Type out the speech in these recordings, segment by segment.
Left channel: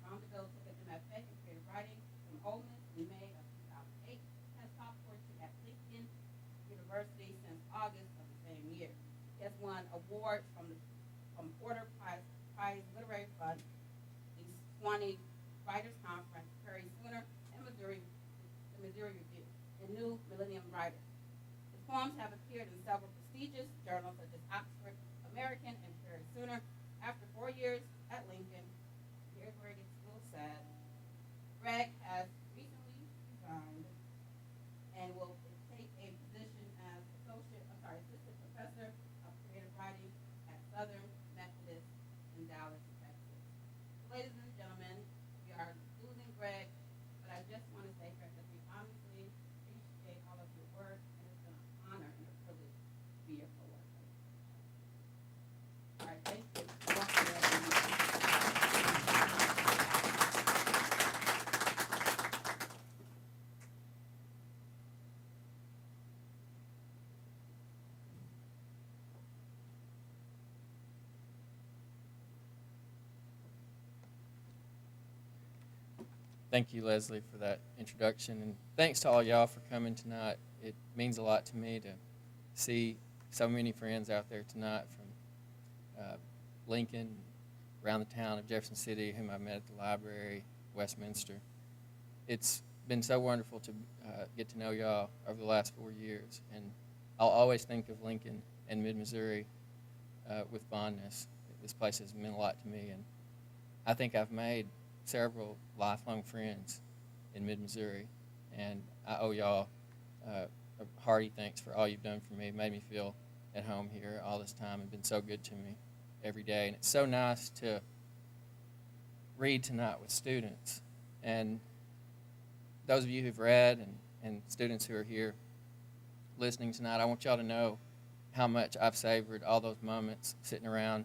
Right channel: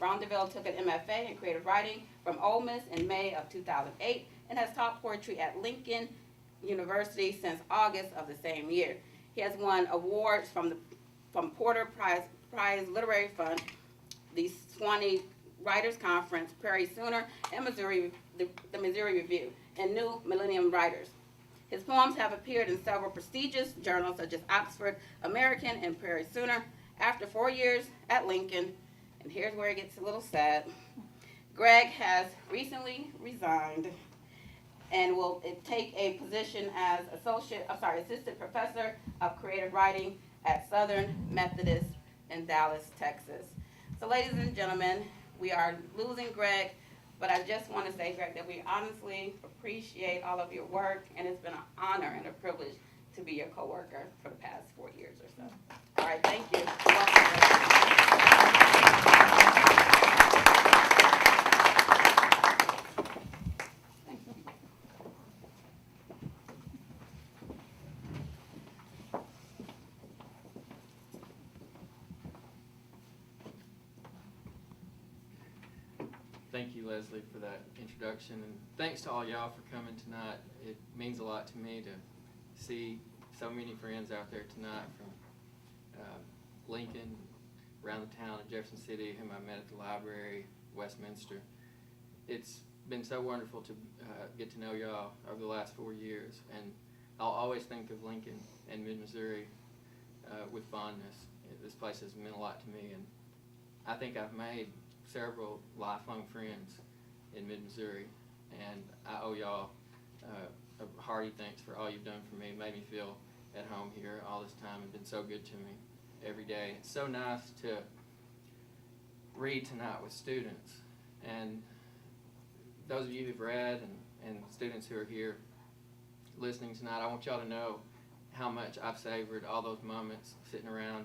Brownderville took an MFA in creative writing from Ole Miss in May of 2008 and has taught poetry at Lincoln University since August of the same year. He has won awards from Porter Prize Literary Fund, the Swanee Writers Conference, Prairie Sooner, and the Missouri Review, and New Millennium Writers. His poems have appeared in several prestigious journals such as Oxford American and Prairie Sooner. After 4 years at Lincoln, and here's where it gets a little sad, Greg has recently resigned and will take a position as assistant professor of creative writing at Southern Methodist in Dallas, Texas. So ladies and gentlemen, we are losing Greg, but I just want to say, Greg, that we honestly appreciate all of your work, and it's been an honor and a privilege to be your coworker for the past 4 years or so. All right, thank you. Thank you, Leslie, for that introduction, and thanks to all y'all for coming tonight. It means a lot to me to see so many friends out there tonight from Lincoln, around the town of Jefferson City, whom I met at the library, Westminster. It's been so wonderful to get to know y'all over the last 4 years, and I'll always think of Lincoln and mid-Missouri with fondness. This place has meant a lot to me, and I think I've made several lifelong friends in mid-Missouri, and I owe y'all a hearty thanks for all you've done for me. It made me feel at home here all this time and been so good to me every day. And it's so nice to read tonight with students, and those of you who've read and students who are here listening tonight, I want y'all to know how much I've savored all those moments sitting around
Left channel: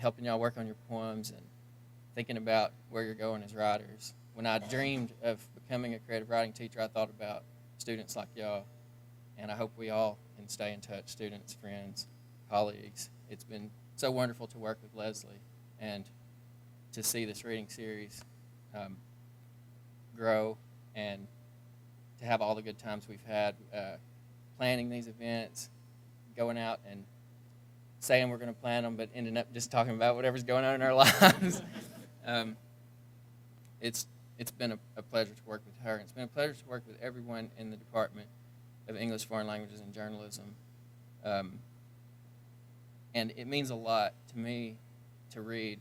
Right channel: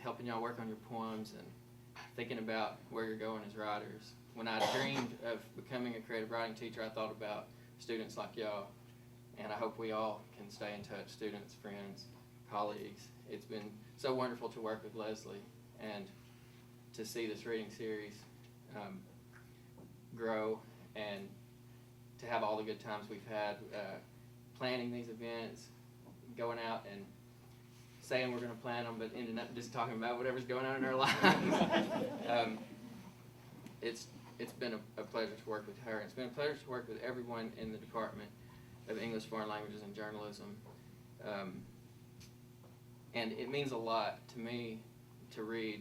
helping y'all work on your poems and thinking about where you're going as writers. When I dreamed of becoming a creative writing teacher, I thought about students like y'all, and I hope we all can stay in touch, students, friends, colleagues. It's been so wonderful to work with Leslie and to see this reading series grow and to have all the good times we've had planning these events, going out and saying we're going to plan them, but ending up just talking about whatever's going on in our lives. It's been a pleasure to work with her. It's been a pleasure to work with everyone in the Department of English, Foreign Languages, and Journalism. And it means a lot to me to read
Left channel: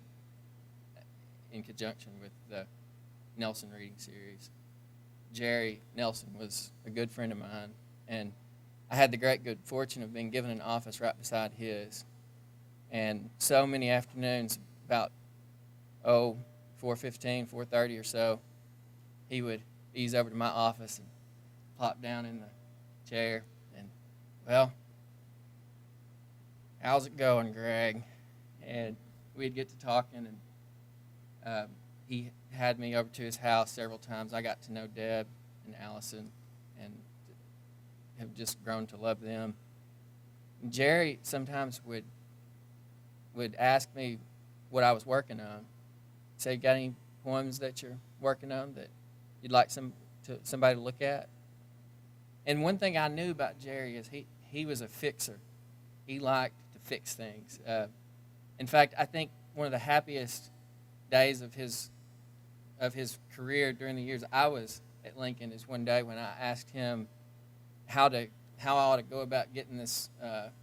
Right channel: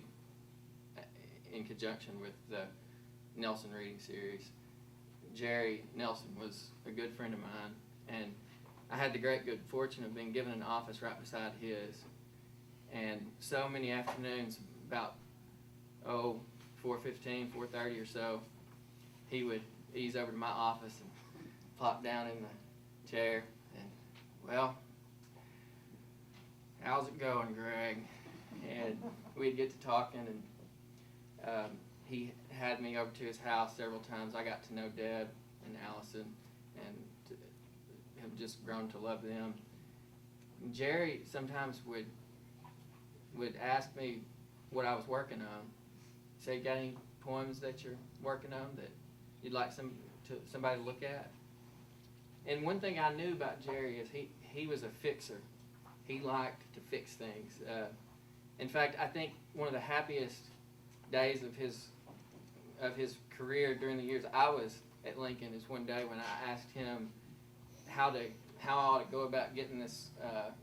in conjunction with the Nelson reading series. Jerry Nelson was a good friend of mine, and I had the great good fortune of being given an office right beside his. And so many afternoons, about 4:15, 4:30 or so, he would ease over to my office and plop down in the chair and, well, how's it going, Greg? And we'd get to talking, and he had me over to his house several times. I got to know Deb and Allison and have just grown to love them. Jerry sometimes would ask me what I was working on. Say, got any poems that you're working on that you'd like somebody to look at? And one thing I knew about Jerry is he was a fixer. He liked to fix things. In fact, I think one of the happiest days of his career during the years I was at Lincoln is one day when I asked him how I ought to go about getting this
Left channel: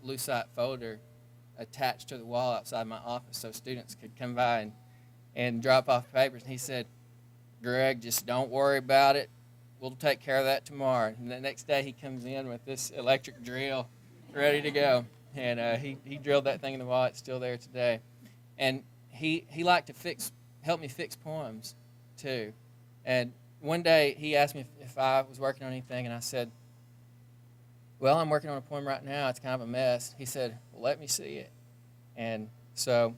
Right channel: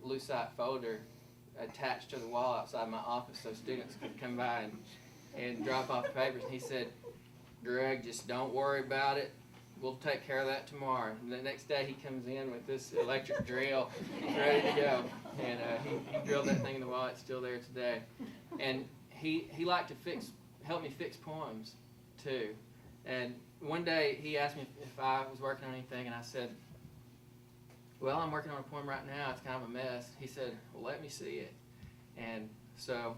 Lucite folder attached to the wall outside my office so students could come by and drop off papers. And he said, Greg, just don't worry about it. We'll take care of that tomorrow. And the next day he comes in with this electric drill ready to go. And he drilled that thing in the wall. It's still there today. And he liked to help me fix poems too. And one day he asked me if I was working on anything, and I said, well, I'm working on a poem right now. It's kind of a mess. He said, well, let me see it. And so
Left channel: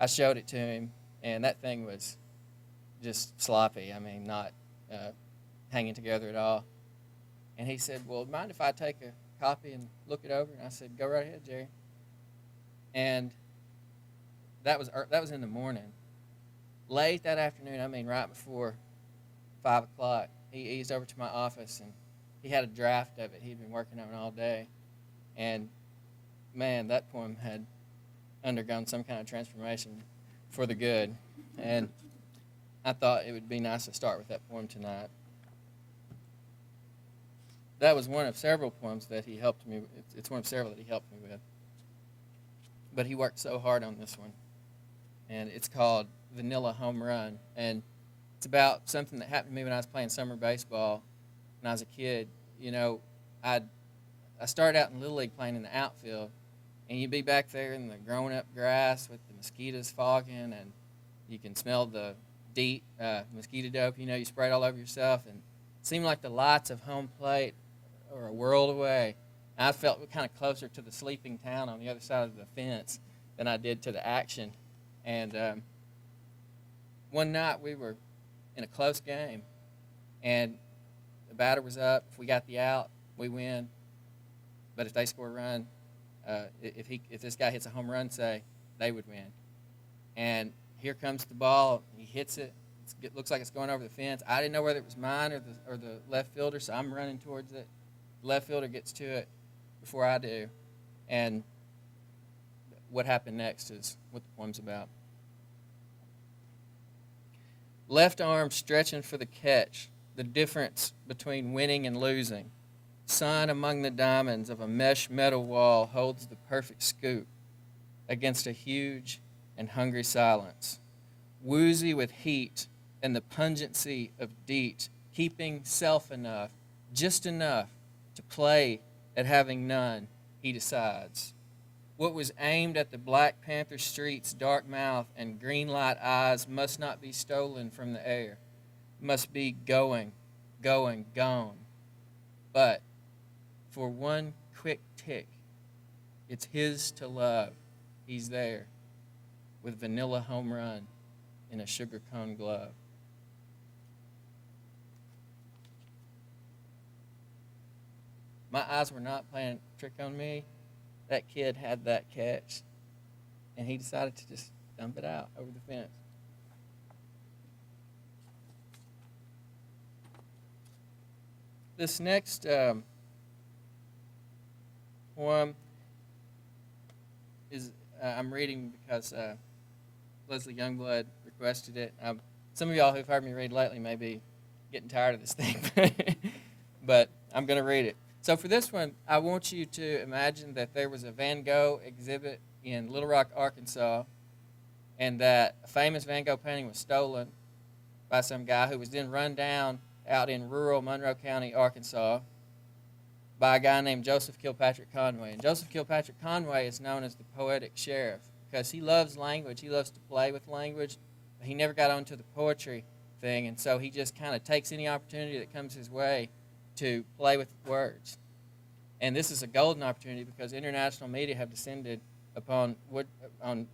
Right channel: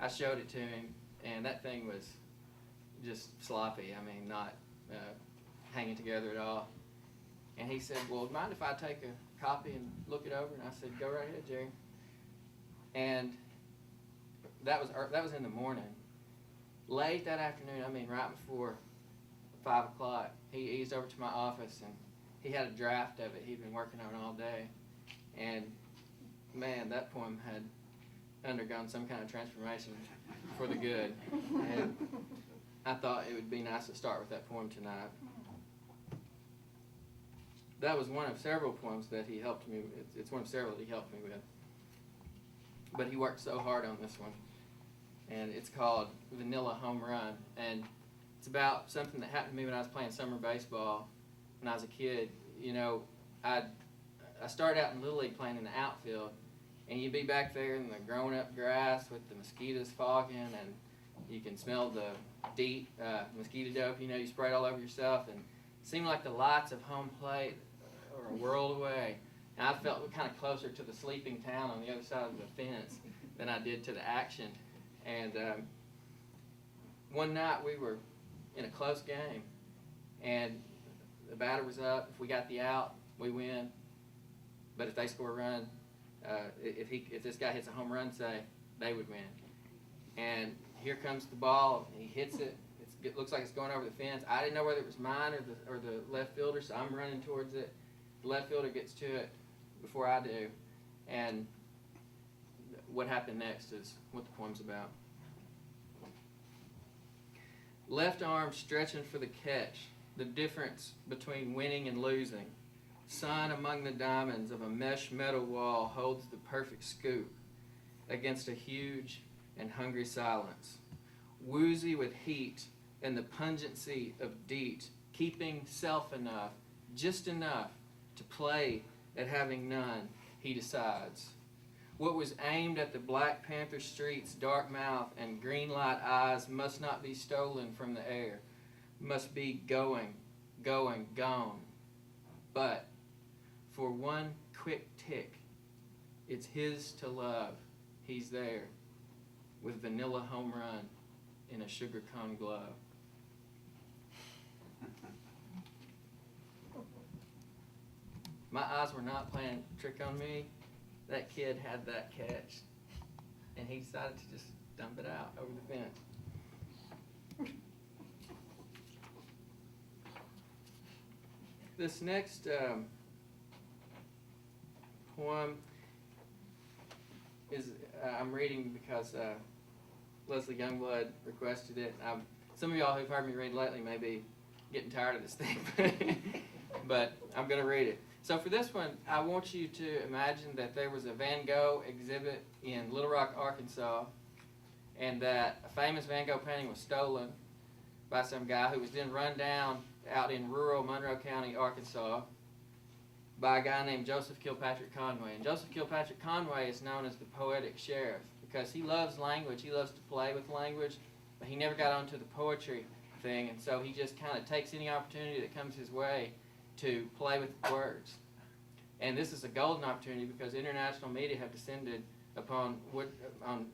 I showed it to him, and that thing was just sloppy. I mean, not hanging together at all. And he said, well, mind if I take a copy and look it over? And I said, go right ahead, Jerry. And that was in the morning. late that afternoon, I mean right before 5 o'clock, he eased over to my office, and he had a draft of it. He'd been working on it all day. And, man, that poem had undergone some kind of transformation for the good. And I thought it would be nice to start with that poem tonight. That was one of several poems that he helped me with. It's one of several that he helped me with. But he worked so hard on this one. And it's called Vanilla Home Run. And it's about something that happened to me when I was playing summer baseball when I was a kid. You know, I started out in Little League playing in the outfield, and you'd be back there in the grown-up grass with the mosquitoes fogging, and you can smell the DEET, mosquito dope, you know, you spray it all over yourself, and it seemed like the lights of home plate were a world away. And I felt kind of closer to the sleeping town on the other side of the fence than I did to the action. And one night we were in a close game, and the batter was up. If we got the out, we win. But if they score a run, if this guy hits a home run, say, they would win. And here comes the ball. He hits it. It looks like it's going over the fence. I didn't know whether it was mine or the left fielder, so I'm running towards it. The left fielder gets to it before I do. And what happened next is what the poem's about. Left arm stretching for the catch, the difference between winning and losing. Sun among the diamonds of a mesh metal wall holds the perfect scoop against a huge and hungry silence. Woozy with heat and the pungency of DEET, keeping self enough, just enough to play at having none, he decides. What was aimed at the Black Panther street's dark mouth and green light eyes must not be stolen from the air, must be going, gone. But for one quick tick, it's his to love. He's there with vanilla home run in a sugar cone glove. My eyes were not playing a trick on me. That kid had that catch, and he decided to just dump it out over the fence. This next poem is I'm reading because Leslie Youngblood requested it. Some of y'all who've heard me read lately may be getting tired of this thing, but I'm going to read it. So for this one, I want you to imagine that there was a Van Gogh exhibit in Little Rock, Arkansas, and that a famous Van Gogh painting was stolen by some guy who was then run down out in rural Monroe County, Arkansas, by a guy named Joseph Kilpatrick Conway. And Joseph Kilpatrick Conway is known as the poetic sheriff because he loves language. He loves to play with language, but he never got onto the poetry thing, and so he just kind of takes any opportunity that comes his way to play with words. And this is a golden opportunity because international media have descended upon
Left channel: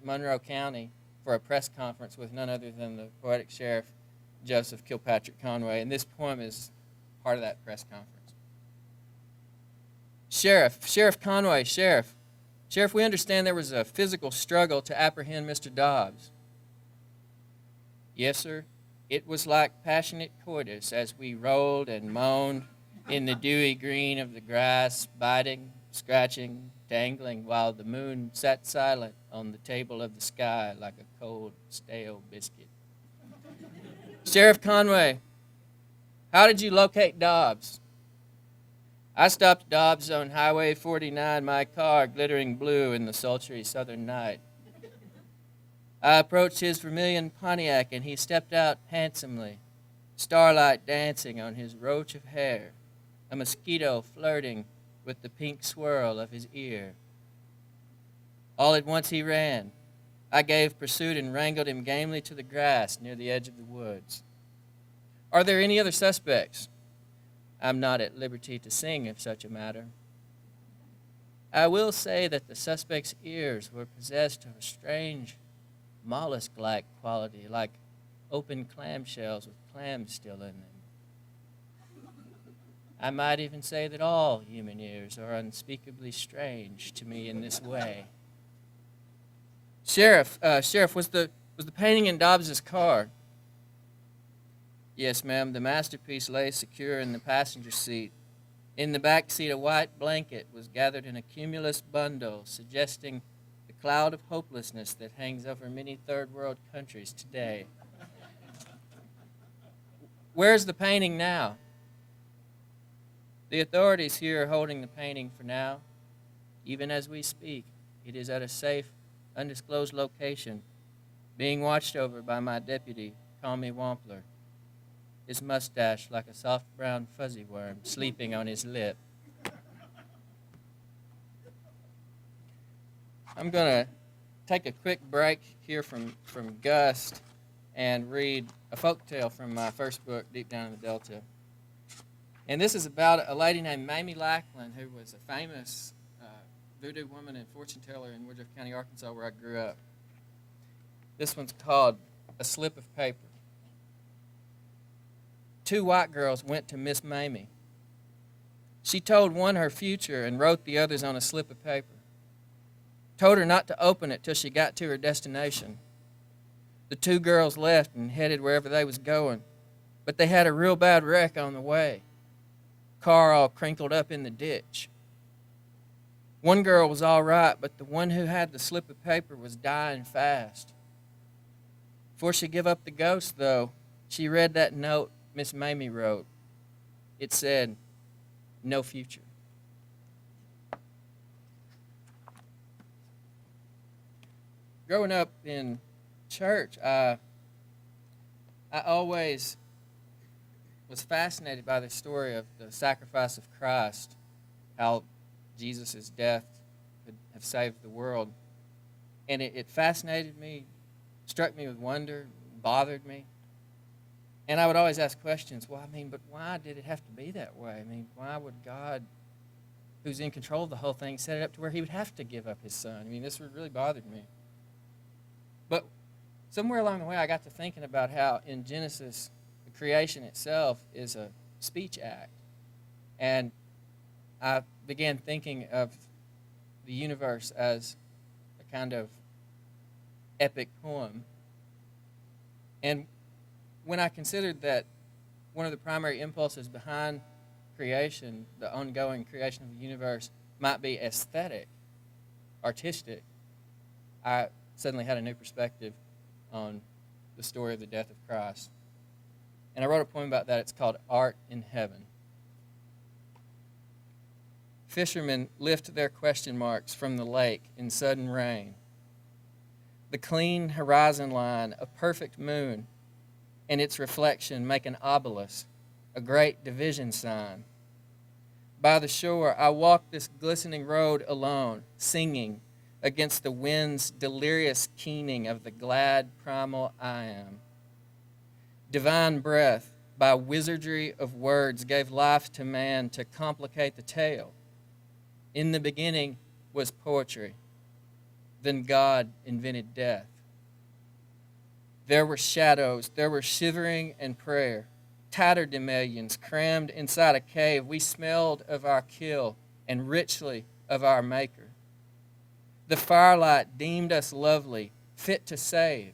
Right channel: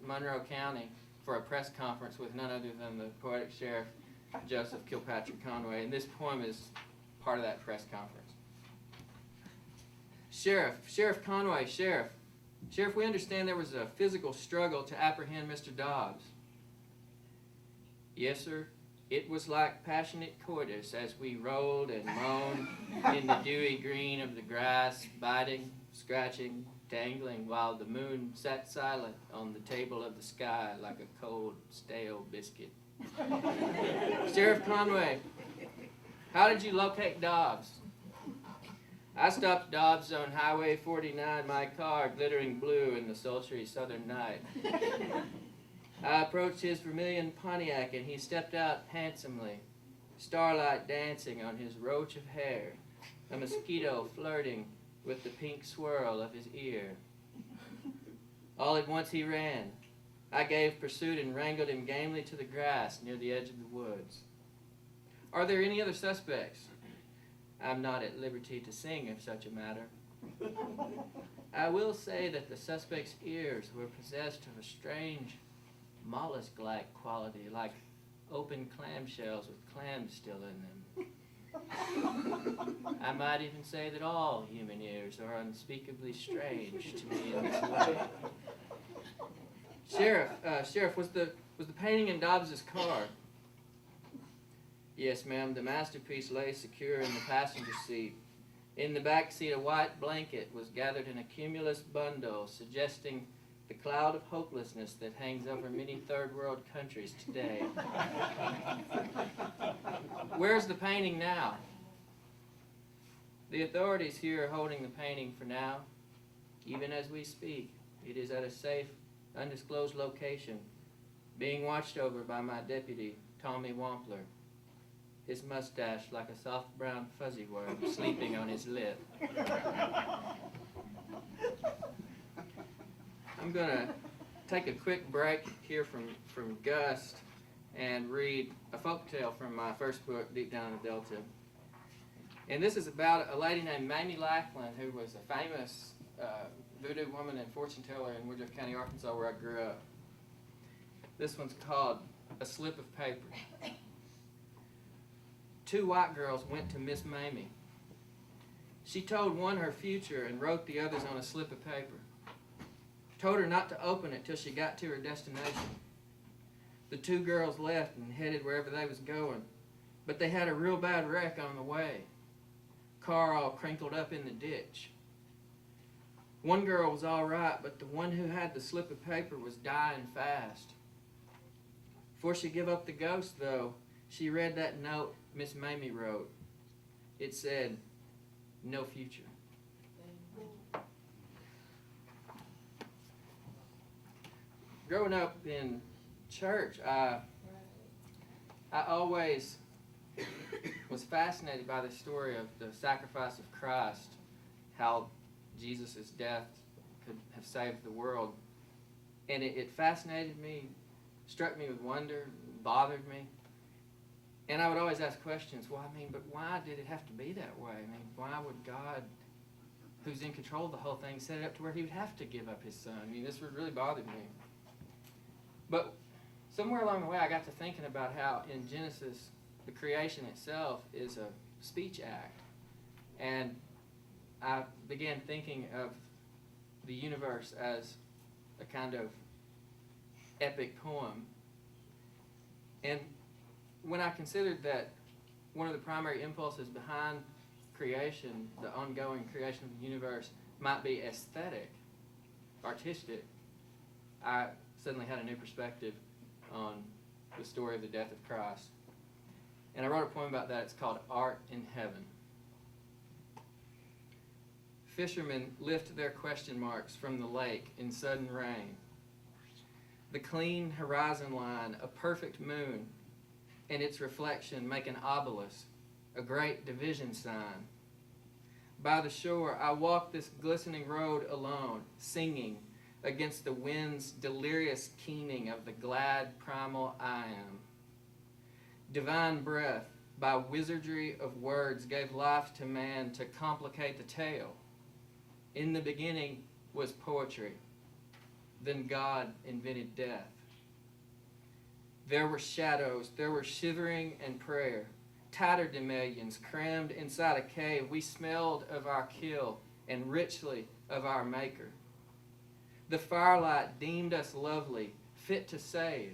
Monroe County for a press conference with none other than the poetic sheriff, Joseph Kilpatrick Conway. And this poem is part of that press conference. Sheriff Conway, Sheriff, we understand there was a physical struggle to apprehend Mr. Dobbs. Yes, sir. It was like passionate coitus as we rolled and moaned in the dewy green of the grass, biting, scratching, dangling, while the moon sat silent on the table of the sky like a cold, stale biscuit. Sheriff Conway, how did you locate Dobbs? I stopped Dobbs on Highway 49, my car glittering blue in the sultry southern night. I approached his vermilion Pontiac, and he stepped out handsomely, starlight dancing on his roach of hair, a mosquito flirting with the pink swirl of his ear. All at once he ran. I gave pursuit and wrangled him gamely to the grass near the edge of the woods. Are there any other suspects? I'm not at liberty to sing of such a matter. I will say that the suspect's ears were possessed of a strange mollusk-like quality, like open clamshells with clams still in them. I might even say that all human ears are unspeakably strange to me in this way. Sheriff, was the Was the painting in Dobbs's car? Yes, ma'am. The masterpiece lay secure in the passenger seat. In the back seat, a white blanket was gathered in a cumulus bundle, suggesting the cloud of hopelessness that hangs over many third world countries today. Where's the painting now? The authorities here are holding the painting for now. Even as we speak, it is at a safe, undisclosed location, being watched over by my deputy, Tommy Wampler, his mustache like a soft brown fuzzy worm sleeping on his lip. I'm going to take a quick break here from Gust and read a folk tale from my first book, Deep Down in the Delta. And this is about a lady named Mamie Lackland, who was a famous voodoo woman and fortune teller in Woodruff County, Arkansas, where I grew up. This one's called A Slip of Paper. Two white girls went to Miss Mamie. She told one her future and wrote the others on a slip of paper. Told her not to open it till she got to her destination. The two girls left and headed wherever they was going, but they had a real bad wreck on the way. Car all crinkled up in the ditch. One girl was all right, but the one who had the slip of paper was dying fast. Before she give up the ghost, though, she read that note Miss Mamie wrote. It said, "No future." Growing up in church, I always was fascinated by the story of the sacrifice of Christ, how Jesus' death could have saved the world. And it fascinated me, struck me with wonder, bothered me. And I would always ask questions, well, but why did it have to be that way? Why would God, who's in control of the whole thing, set it up to where he would have to give up his son? This really bothered me. But somewhere along the way, I got to thinking about how in Genesis, the creation itself is a speech act. And I began thinking of the universe as a kind of epic poem. And when I considered that one of the primary impulses behind creation, the ongoing creation of the universe, might be aesthetic, artistic, I suddenly had a new perspective on the story of the death of Christ. And I wrote a poem about that. It's called Art in Heaven. Fishermen lift their question marks from the lake in sudden rain. The clean horizon line, a perfect moon, and its reflection make an obelisk, a great division sign. By the shore, I walk this glistening road alone, singing against the wind's delirious keening of the glad primal I am. Divine breath, by wizardry of words, gave life to man to complicate the tale. In the beginning was poetry. Then God invented death. There were shadows, there were shivering and prayer. Tatterdemalions crammed inside a cave, we smelled of our kill and richly of our maker. The firelight deemed us lovely, fit to save.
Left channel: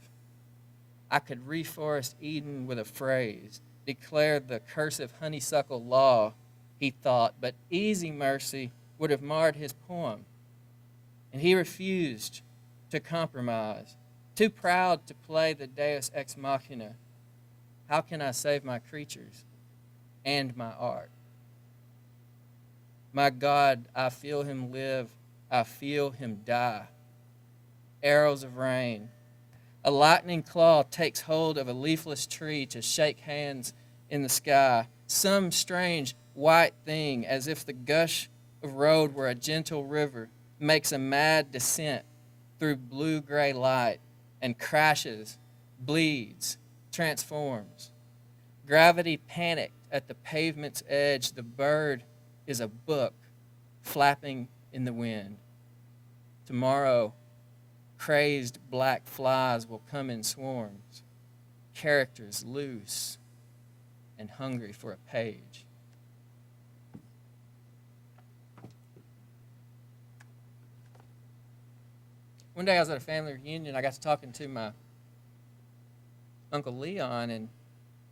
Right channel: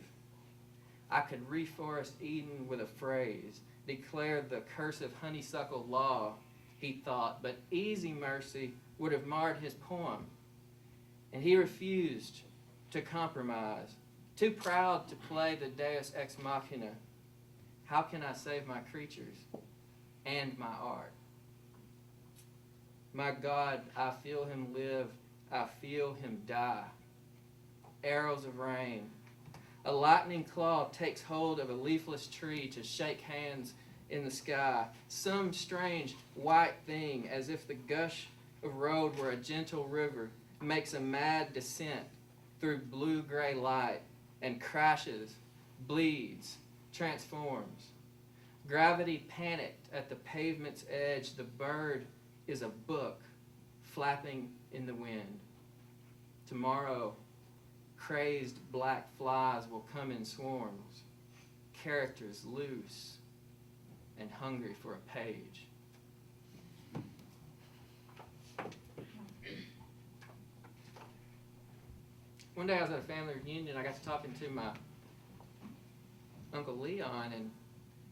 I could reforest Eden with a phrase, declare the cursive honeysuckle law, he thought, but easy mercy would have marred his poem. And he refused to compromise, too proud to play the deus ex machina. How can I save my creatures and my art? My God, I feel him live, I feel him die. Arrows of rain. A lightning claw takes hold of a leafless tree to shake hands in the sky. Some strange white thing, as if the gush of road were a gentle river, makes a mad descent through blue-gray light and crashes, bleeds, transforms. Gravity panicked at the pavement's edge. The bird is a book flapping in the wind. Tomorrow, crazed black flies will come in swarms, characters loose and hungry for a page. One day I was at a family reunion. I got to talking to my Uncle Leon, and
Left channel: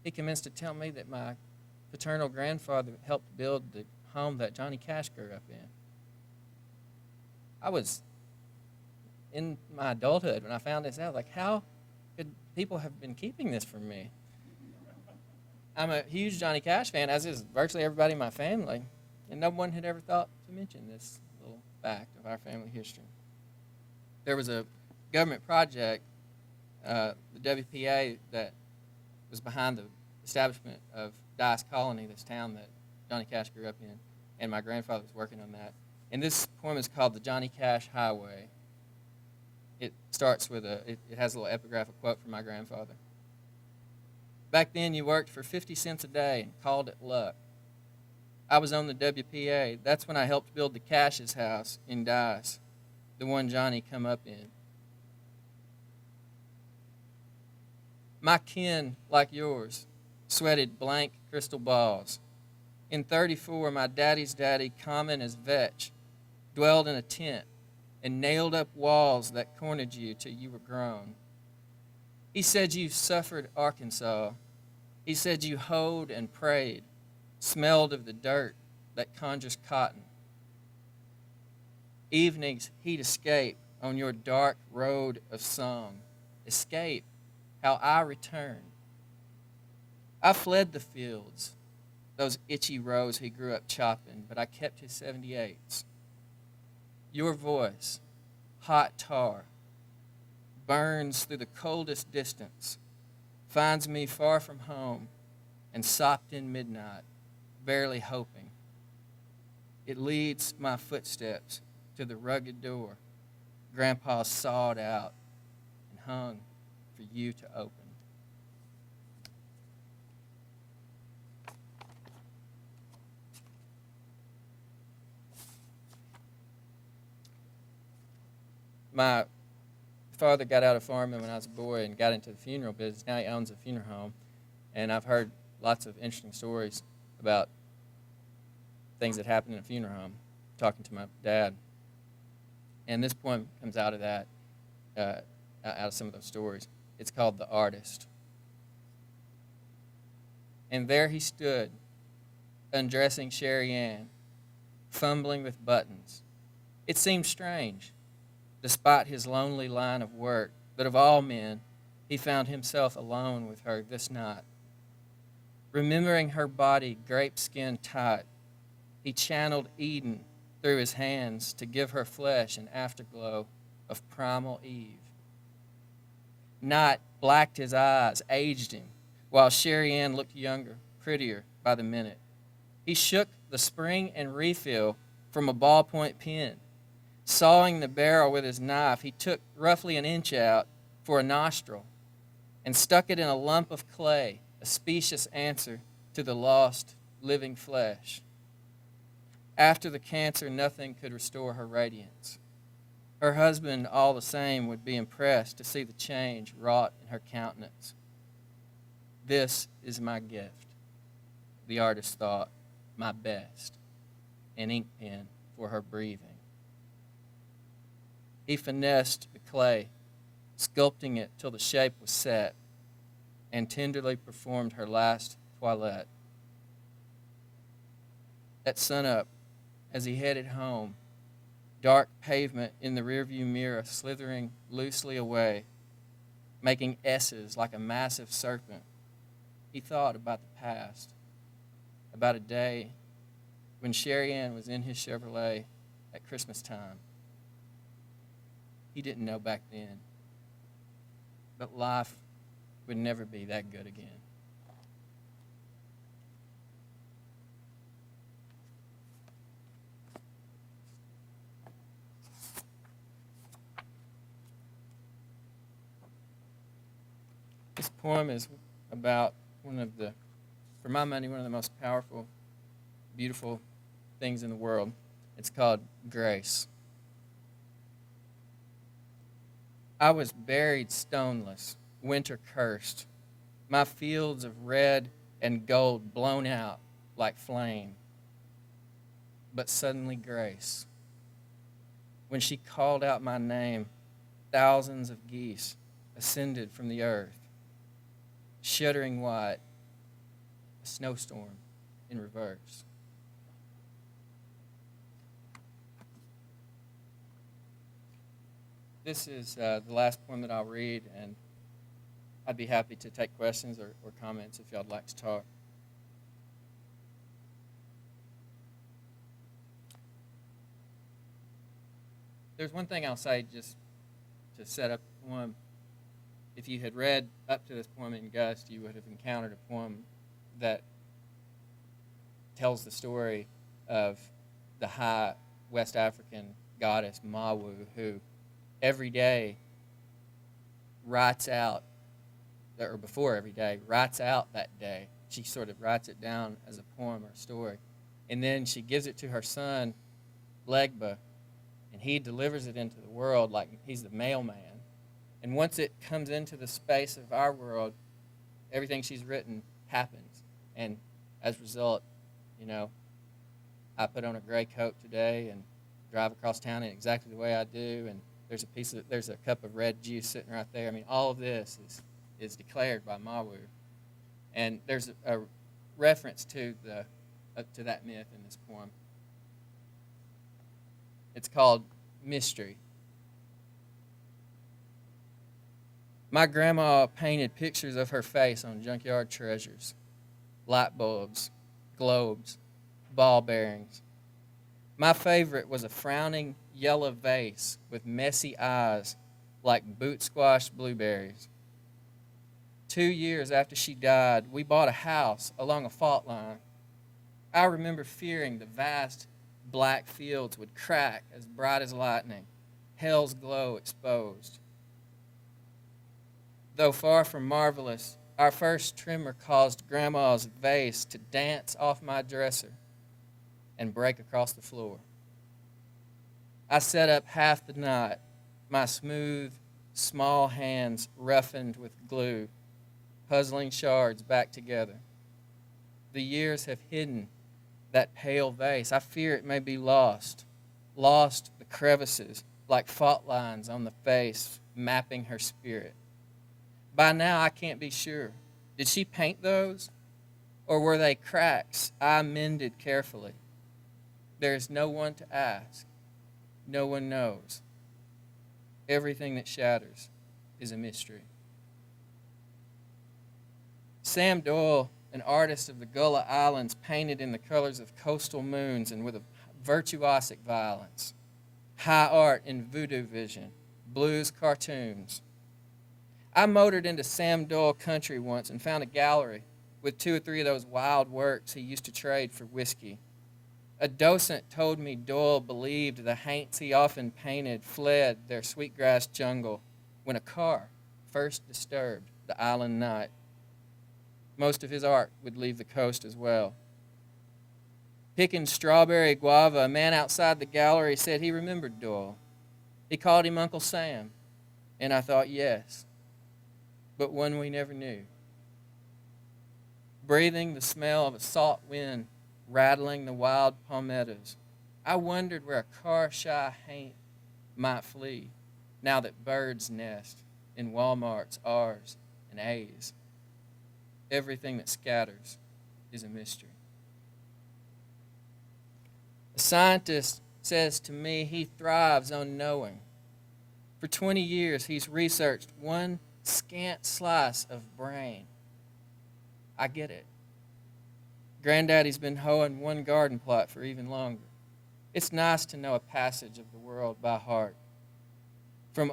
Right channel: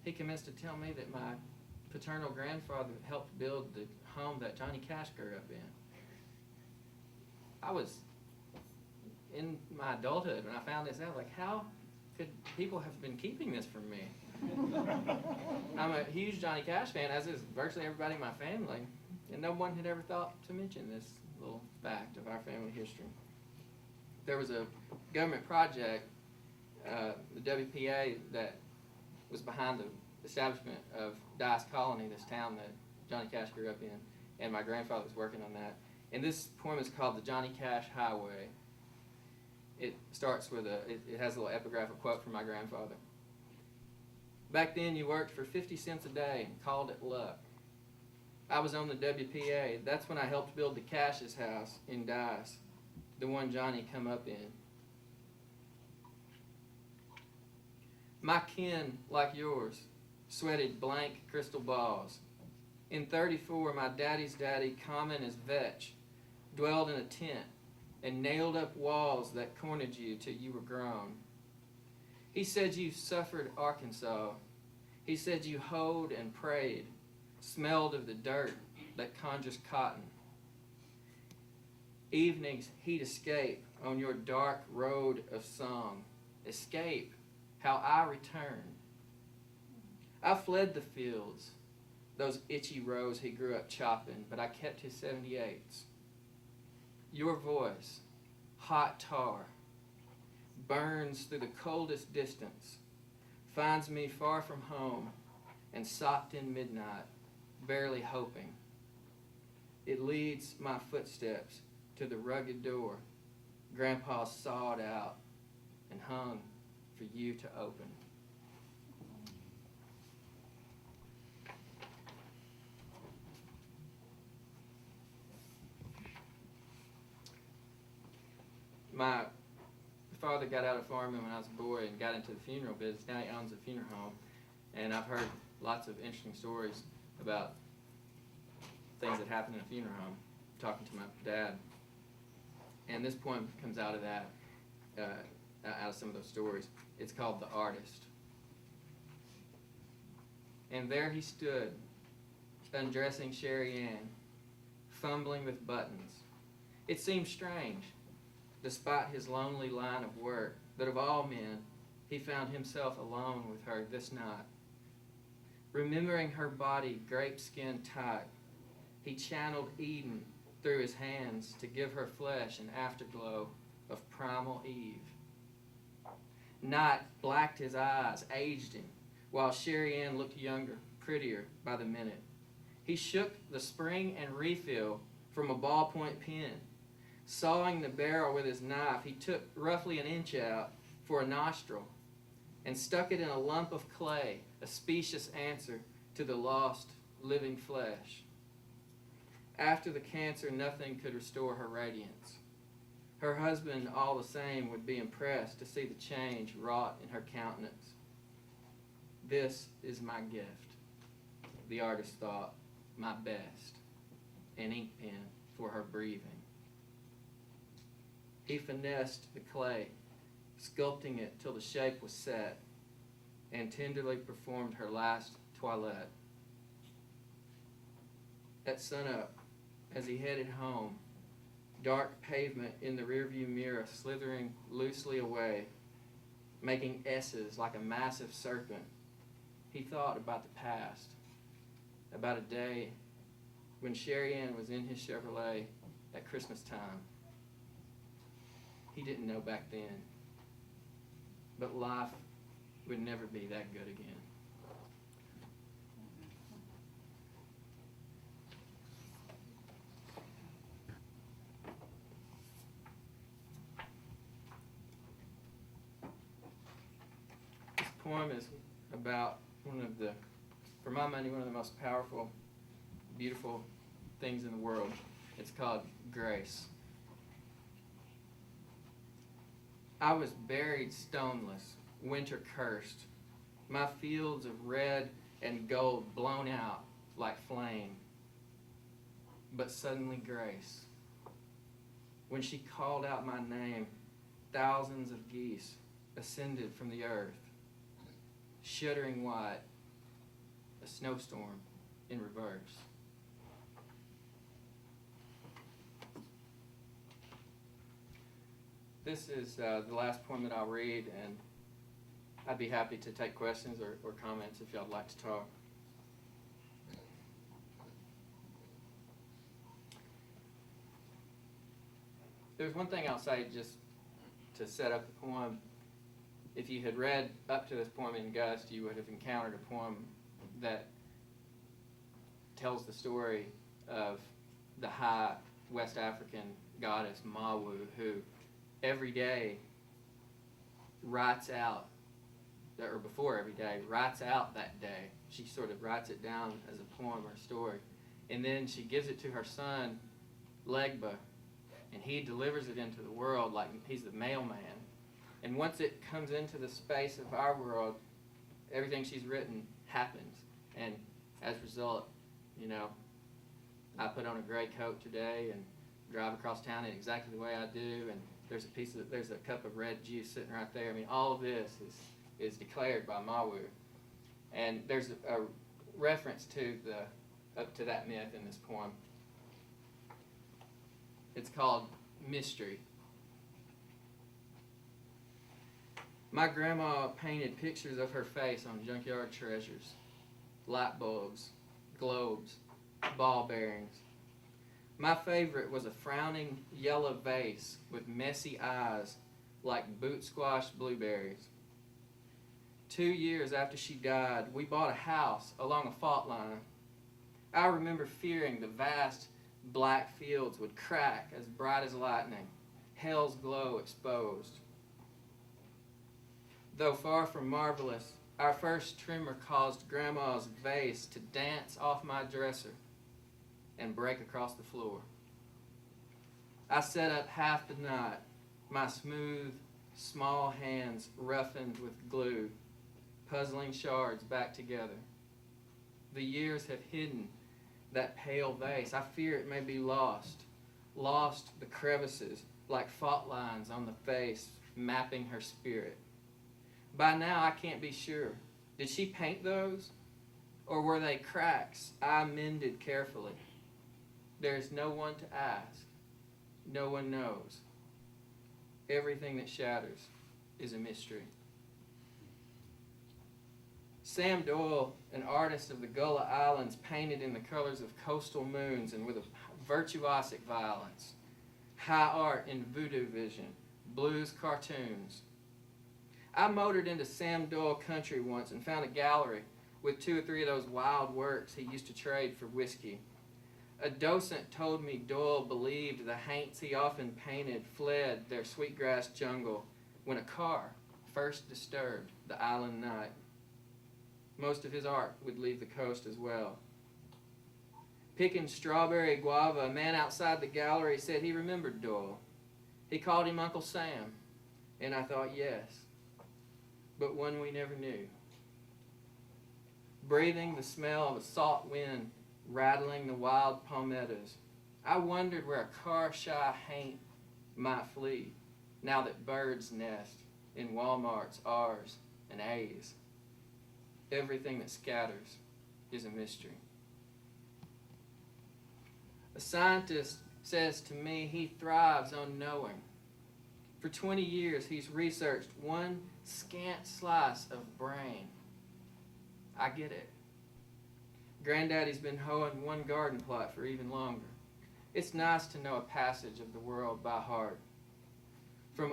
he commenced to tell me that my paternal grandfather helped build the home that Johnny Cash grew up in. I was in my adulthood when I found this out, like, how could people have been keeping this from me? I'm a huge Johnny Cash fan, as is virtually everybody in my family, and no one had ever thought to mention this little fact of our family history. There was a government project, the WPA, that was behind the establishment of Dice Colony, this town that Johnny Cash grew up in, and my grandfather was working on that. And this poem is called The Johnny Cash Highway. It starts with it has a little epigraphic quote from my grandfather. Back then you worked for 50 cents a day and called it luck. I was on the WPA. That's when I helped build the Cash's house in Dice, the one Johnny come up in. My kin, like yours, sweated blank crystal balls. In 34, my daddy's daddy, common as vetch, dwelled in a tent and nailed up walls that cornered you till you were grown. He said you suffered Arkansas. He said you hoed and prayed, smelled of the dirt that conjures cotton. Evenings he'd escape on your dark road of song. Escape, how I return. I fled the fields, those itchy rows he grew up chopping, but I kept his 78s. Your voice, hot tar, burns through the coldest distance, finds me far from home and sopped in midnight, barely hoping. It leads my footsteps to the rugged door Grandpa sawed out and hung for you to open. My father got out of farming when I was a boy and got into the funeral business. Now he owns a funeral home. And I've heard lots of interesting stories about things that happen in a funeral home, talking to my dad. And this poem comes out of that, out of some of those stories. It's called The Artist. And there he stood, undressing Sherry Ann, fumbling with buttons. It seemed strange, despite his lonely line of work, that of all men, he found himself alone with her this night. Remembering her body grape skin tight, he channeled Eden through his hands to give her flesh an afterglow of primal Eve. Night blacked his eyes, aged him, while Sherry Ann looked younger, prettier by the minute. He shook the spring and refill from a ballpoint pen. Sawing the barrel with his knife, he took roughly an inch out for a nostril and stuck it in a lump of clay, a specious answer to the lost, living flesh. After the cancer, nothing could restore her radiance. Her husband, all the same, would be impressed to see the change wrought in her countenance. This is my gift, the artist thought, my best, an ink pen for her breathing. He finessed the clay, sculpting it till the shape was set, and tenderly performed her last toilette. At sunup, as he headed home, dark pavement in the rearview mirror slithering loosely away, making S's like a massive serpent, he thought about the past, about a day when Sherry Ann was in his Chevrolet at Christmas time. He didn't know back then, but life would never be that good again. This poem is about for my money, one of the most powerful, beautiful things in the world. It's called grace. I was buried stoneless, winter cursed, my fields of red and gold blown out like flame. But suddenly grace. When she called out my name, thousands of geese ascended from the earth. shuddering white, a snowstorm in reverse. This is the last poem that I'll read, and I'd be happy to take questions or comments if y'all would like to talk. There's one thing I'll say just to set up the poem. If you had read up to this poem in Gust, you would have encountered a poem that tells the story of the high West African goddess Mawu, who every day writes out, or before every day, writes out that day. She sort of writes it down as a poem or story. And then she gives it to her son, Legba, and he delivers it into the world like he's the mailman. And once it comes into the space of our world, everything she's written happens. And as a result, I put on a gray coat today and drive across town in exactly the way I do, and there's a cup of red juice sitting right there. I mean, all of this is declared by Mawu. And there's a reference to that myth in this poem. It's called Mystery. My grandma painted pictures of her face on junkyard treasures, light bulbs, globes, ball bearings. My favorite was a frowning yellow vase with messy eyes like boot squash blueberries. 2 years after she died, we bought a house along a fault line. I remember fearing the vast black fields would crack as bright as lightning, hell's glow exposed. Though far from marvelous, our first tremor caused Grandma's vase to dance off my dresser and break across the floor. I sat up half the night, my smooth, small hands roughened with glue, puzzling shards back together. The years have hidden that pale vase. I fear it may be lost the crevices like fault lines on the face, mapping her spirit. By now, I can't be sure. Did she paint those? Or were they cracks I mended carefully? There is no one to ask. No one knows. Everything that shatters is a mystery. Sam Doyle, an artist of the Gullah Islands, painted in the colors of coastal moons and with a virtuosic violence. High art in voodoo vision, blues cartoons. I motored into Sam Doyle country once and found a gallery with 2 or 3 of those wild works he used to trade for whiskey. A docent told me Doyle believed the haints he often painted fled their sweetgrass jungle when a car first disturbed the island night. Most of his art would leave the coast as well. Picking strawberry guava, a man outside the gallery said he remembered Doyle. He called him Uncle Sam, and I thought, yes, but one we never knew. Breathing the smell of a salt wind rattling the wild palmettos, I wondered where a car-shy haint might flee now that birds nest in Walmart's R's and A's. Everything that scatters is a mystery. A scientist says to me he thrives on knowing. For 20 years, he's researched one scant slice of brain. I get it. Granddaddy's been hoeing one garden plot for even longer. It's nice to know a passage of the world by heart. From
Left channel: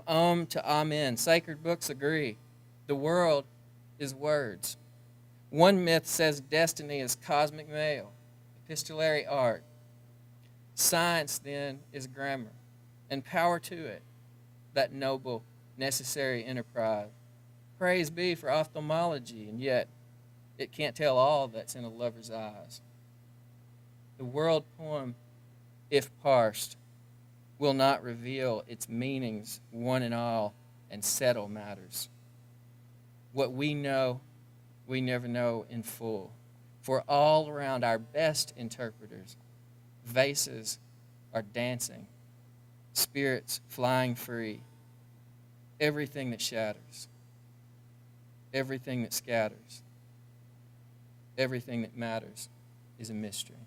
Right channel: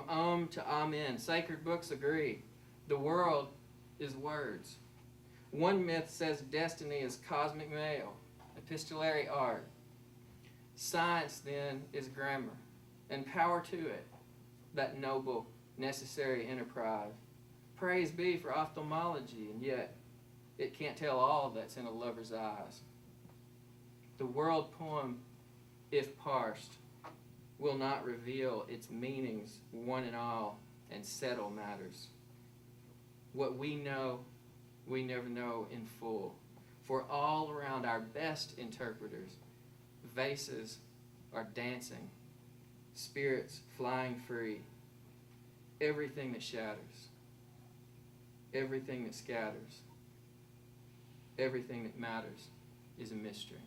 to amen, sacred books agree. The world is words. One myth says destiny is cosmic mail, epistolary art. Science, then, is grammar, and power to it, that noble, necessary enterprise. Praise be for ophthalmology, and yet it can't tell all that's in a lover's eyes. The world poem, if parsed, will not reveal its meanings one and all and settle matters. What we know, we never know in full. For all around our best interpreters, vases are dancing, spirits flying free, everything that shatters everything that scatters, everything that matters is a mystery.